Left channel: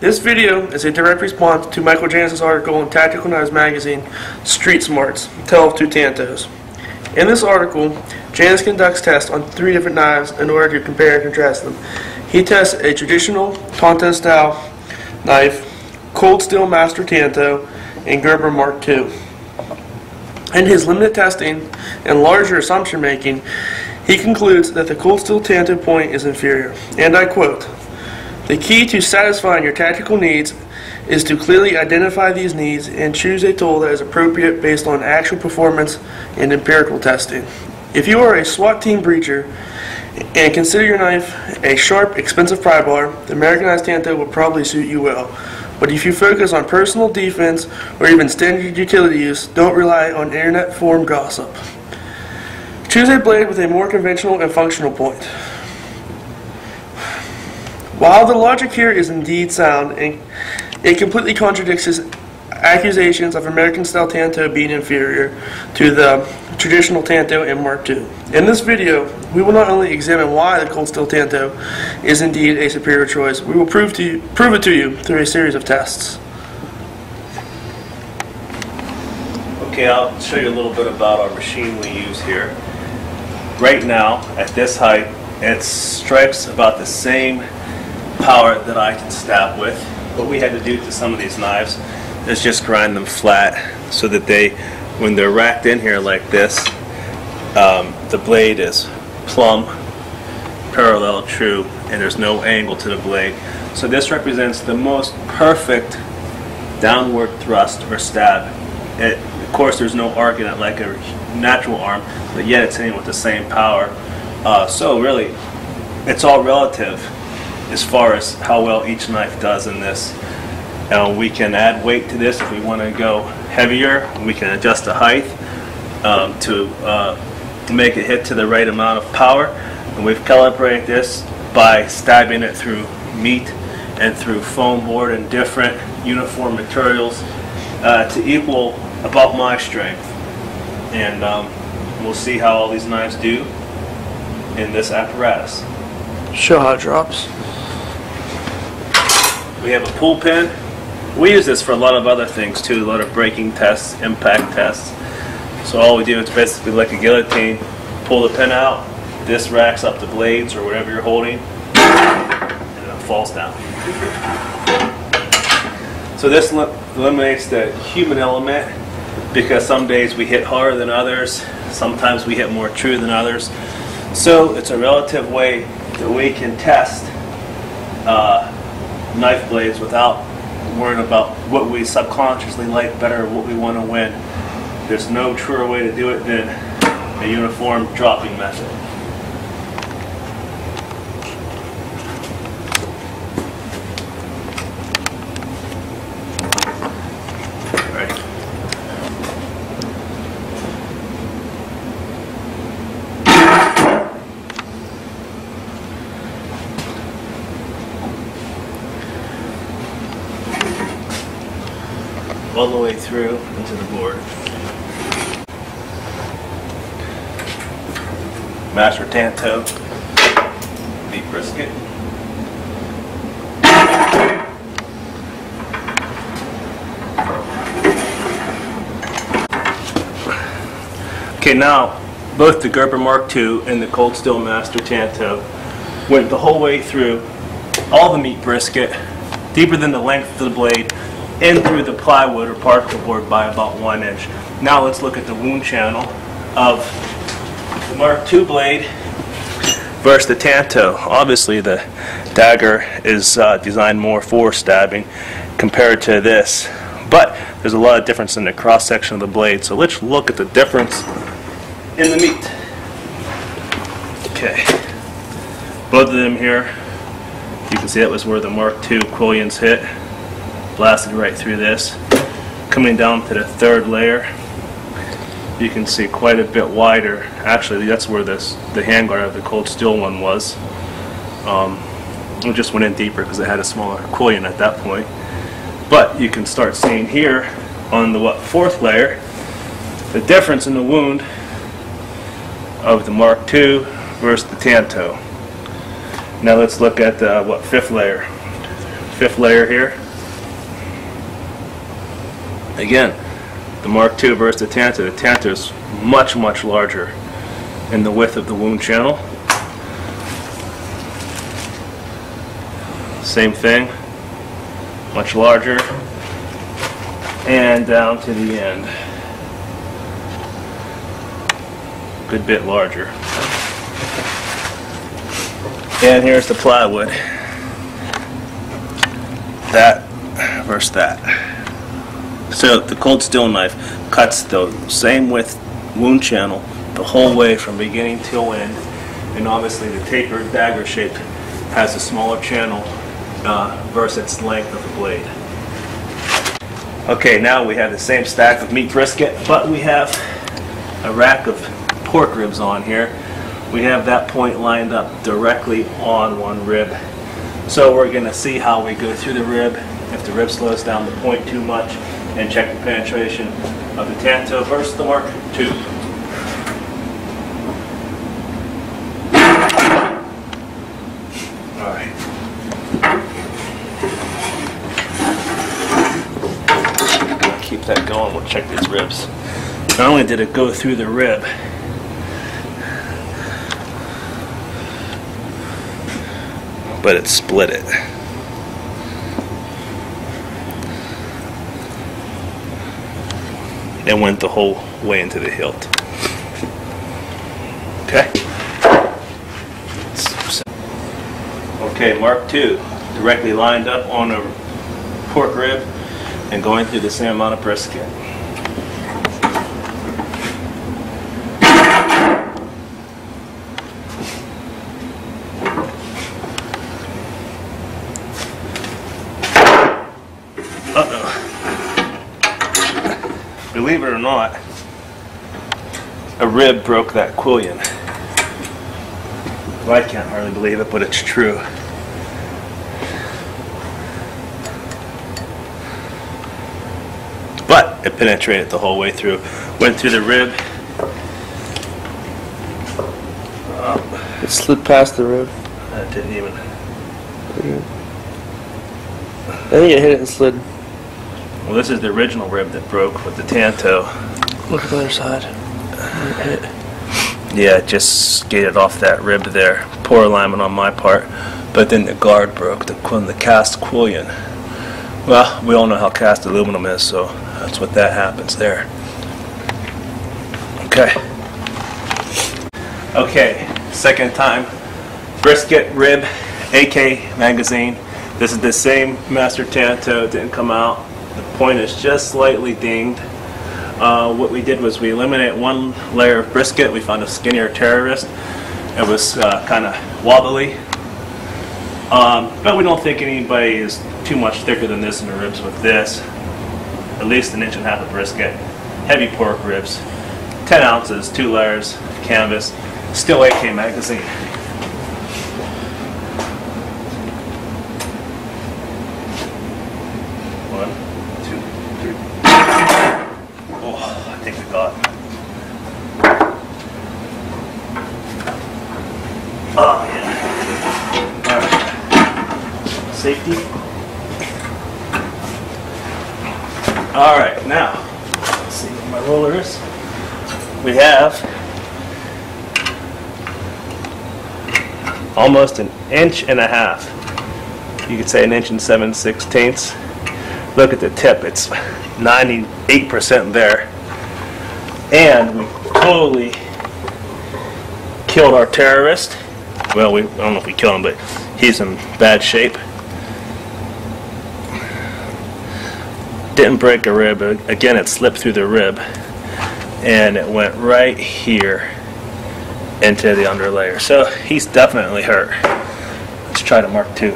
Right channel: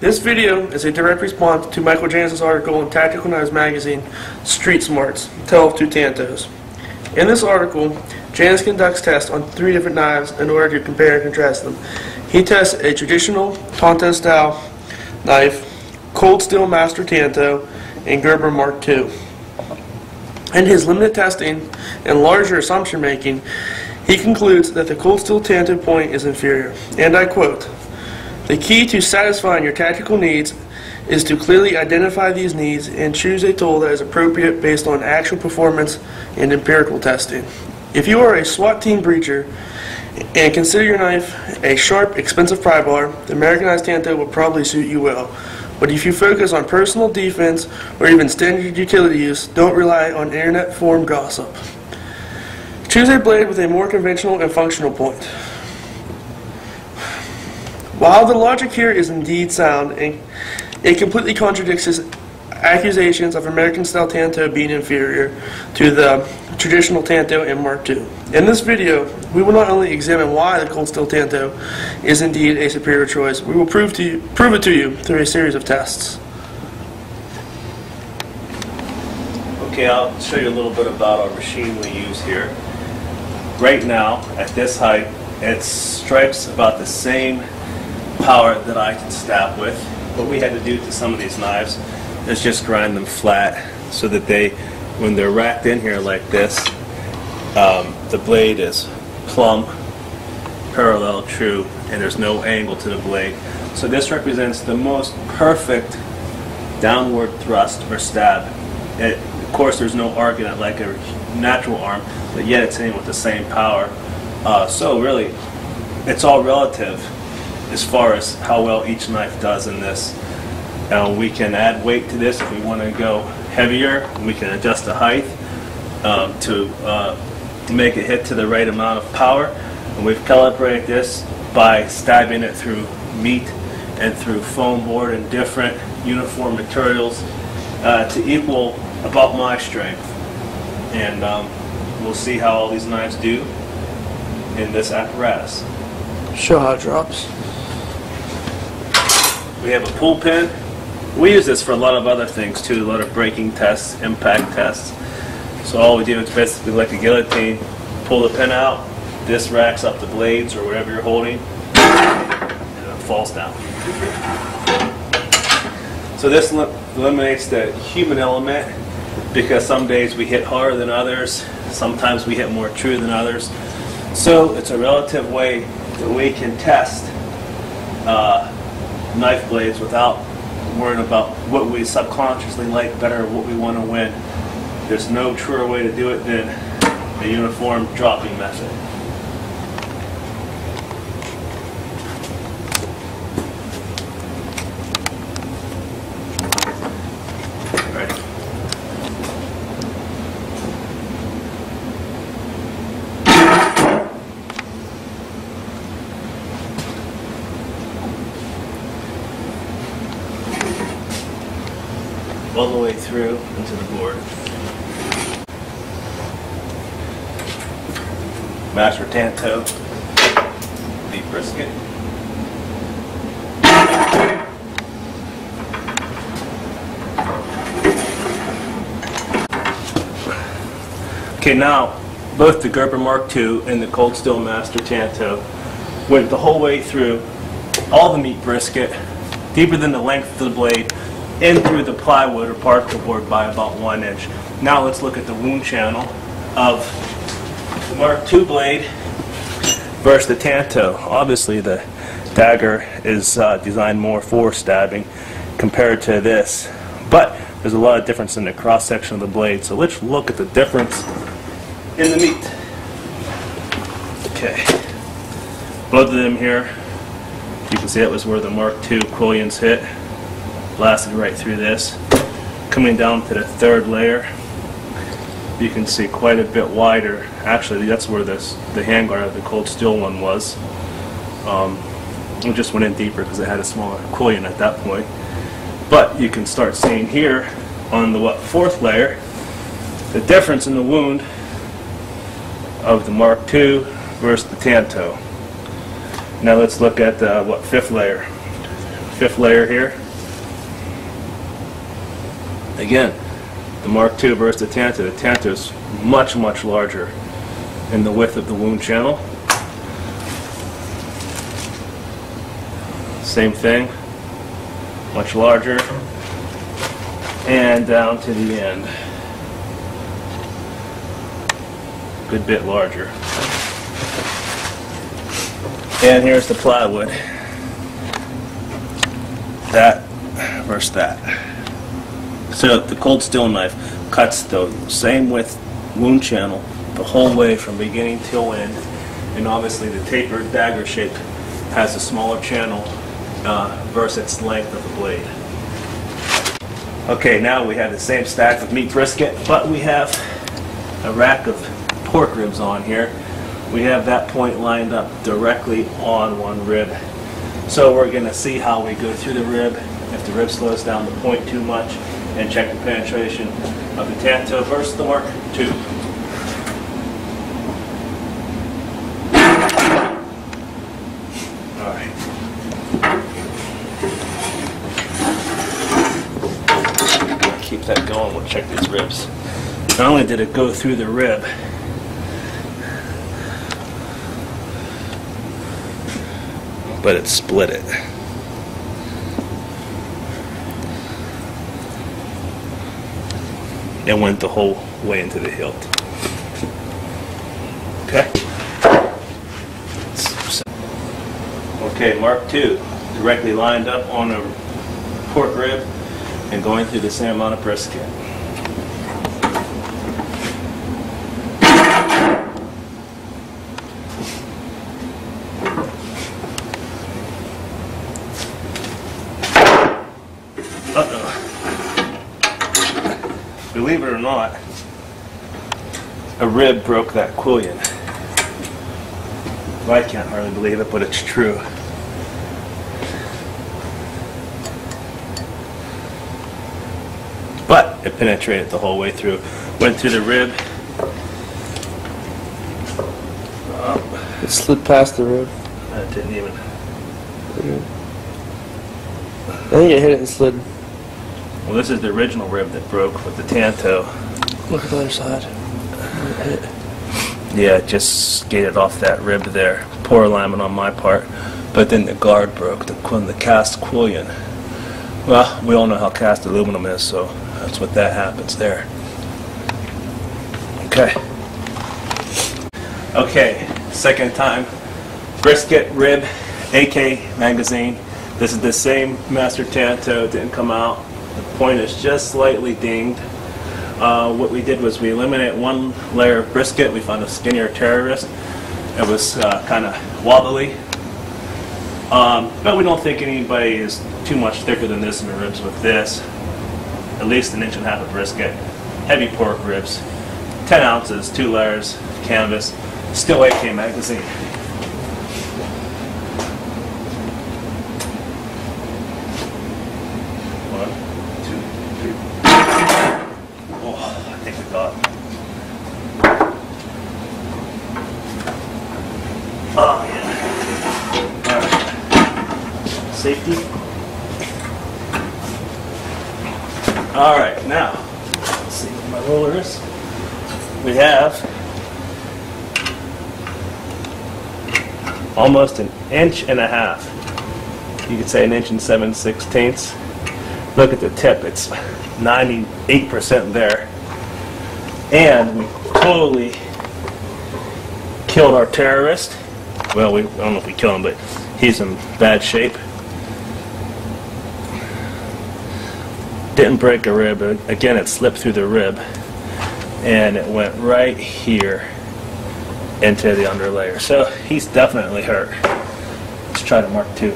This video is a direct response to Michael Janus's article in Tactical Knives magazine, Street Smarts, Tale of Two Tantos. In this article, Janus conducts tests on 3 different knives in order to compare and contrast them. He tests a traditional Tantos style knife, Cold Steel Master Tanto, and Gerber Mark II. In his limited testing and larger assumption making, he concludes that the Cold Steel Tanto point is inferior, and I quote, "The key to satisfying your tactical needs is to clearly identify these needs and choose a tool that is appropriate based on actual performance and empirical testing. If you are a SWAT team breacher and consider your knife a sharp, expensive pry bar, the Americanized Tanto will probably suit you well. But if you focus on personal defense or even standard utility use, don't rely on internet forum gossip. Choose a blade with a more conventional and functional point." While the logic here is indeed sound, it completely contradicts his accusations of American-style Tanto being inferior to the traditional Tanto and Mark II. In this video, we will not only examine why the Cold Steel Tanto is indeed a superior choice, we will prove it to you through a series of tests. Okay, I'll show you a little bit about our machine we use here. Right now, at this height, it strikes about the same power that I can stab with. What we had to do to some of these knives is just grind them flat so that when they're racked in here like this, the blade is plumb, parallel, true, and there's no angle to the blade. So this represents the most perfect downward thrust or stab. Of course, there's no arc in it like a natural arm, but yet it's hitting with the same power. So really, it's all relative as far as how well each knife does in this. We can add weight to this if we want to go heavier. We can adjust the height to make it hit to the right amount of power. And we've calibrated this by stabbing it through meat and through foam board and different uniform materials to equal about my strength. And we'll see how all these knives do in this apparatus. Show how it drops. We have a pull pin. We use this for a lot of other things too, a lot of braking tests, impact tests. So all we do is basically like a guillotine, pull the pin out, this racks up the blades or whatever you're holding, and it falls down. So this eliminates the human element because some days we hit harder than others, sometimes we hit more true than others. So it's a relative way that we can test knife blades without worrying about what we subconsciously like better, what we want to win. There's no truer way to do it than a uniform dropping method. Right. All the way through into the board. Master Tanto, beef brisket. Okay, now both the Gerber Mark II and the Cold Steel Master Tanto went the whole way through all the meat brisket, deeper than the length of the blade, in through the plywood or particle board by about 1 inch. Now let's look at the wound channel of the Mark II blade versus the Tanto. Obviously the dagger is designed more for stabbing compared to this, but there's a lot of difference in the cross section of the blade. So let's look at the difference in the meat. Okay, both of them here, you can see that was where the Mark II quillions hit. Blasted right through this. Coming down to the 3rd layer, you can see quite a bit wider. Actually, that's where the handguard of the Cold Steel one was. It just went in deeper because it had a smaller quillion at that point. But you can start seeing here on the 4th layer the difference in the wound of the Mark II versus the Tanto. Now let's look at the 5th layer. fifth layer here. Again, the Mark II versus the Tanto. The Tanto is much, much larger in the width of the wound channel. Same thing, much larger, and down to the end. Good bit larger. And here's the plywood. That versus that. So the cold steel knife cuts the same width wound channel the whole way from beginning till end, and obviously the tapered dagger shape has a smaller channel versus its length of the blade. Okay, now we have the same stack of meat brisket, but we have a rack of pork ribs on here. We have that point lined up directly on one rib. So we're going to see how we go through the rib, if the rib slows down the point too much, and check the penetration of the Tanto versus the Mark II. Alright. Keep that going, we'll check these ribs. Not only did it go through the rib, but it split it. It went the whole way into the hilt. Okay. Okay, Mark II, directly lined up on a pork rib and going through the same amount of brisket. Believe it or not, a rib broke that quillion. Well, I can't hardly believe it, but it's true. But it penetrated the whole way through. Went through the rib. It slid past the rib. It didn't even. I think it hit it and slid. Well, this is the original rib that broke with the Tanto. Look at the other side. It hit. Yeah, it just skated off that rib there. Poor alignment on my part. But then the guard broke, the cast quillion. Well, we all know how cast aluminum is, so that's what that happens there. Okay. Okay, second time. Brisket, rib, AK magazine. This is the same Master Tanto, didn't come out. The point is just slightly dinged. What we did was we eliminated one layer of brisket. We found a skinnier terrorist. It was kind of wobbly. But we don't think anybody is too much thicker than this in the ribs with this. At least an inch and a half of brisket. Heavy pork ribs. 10 ounces, 2 layers, canvas. Still AK magazine. Oh, yeah. Alright. Safety. Alright, now, let's see what my roller is. We have almost an inch and a half. You could say an inch and 7/16. Look at the tip, it's 98% there. And we totally killed our terrorist. Well, I don't know if we killed him, but he's in bad shape. Didn't break a rib. Again, it slipped through the rib, and it went right here into the underlayer. So he's definitely hurt. Let's try the Mark II.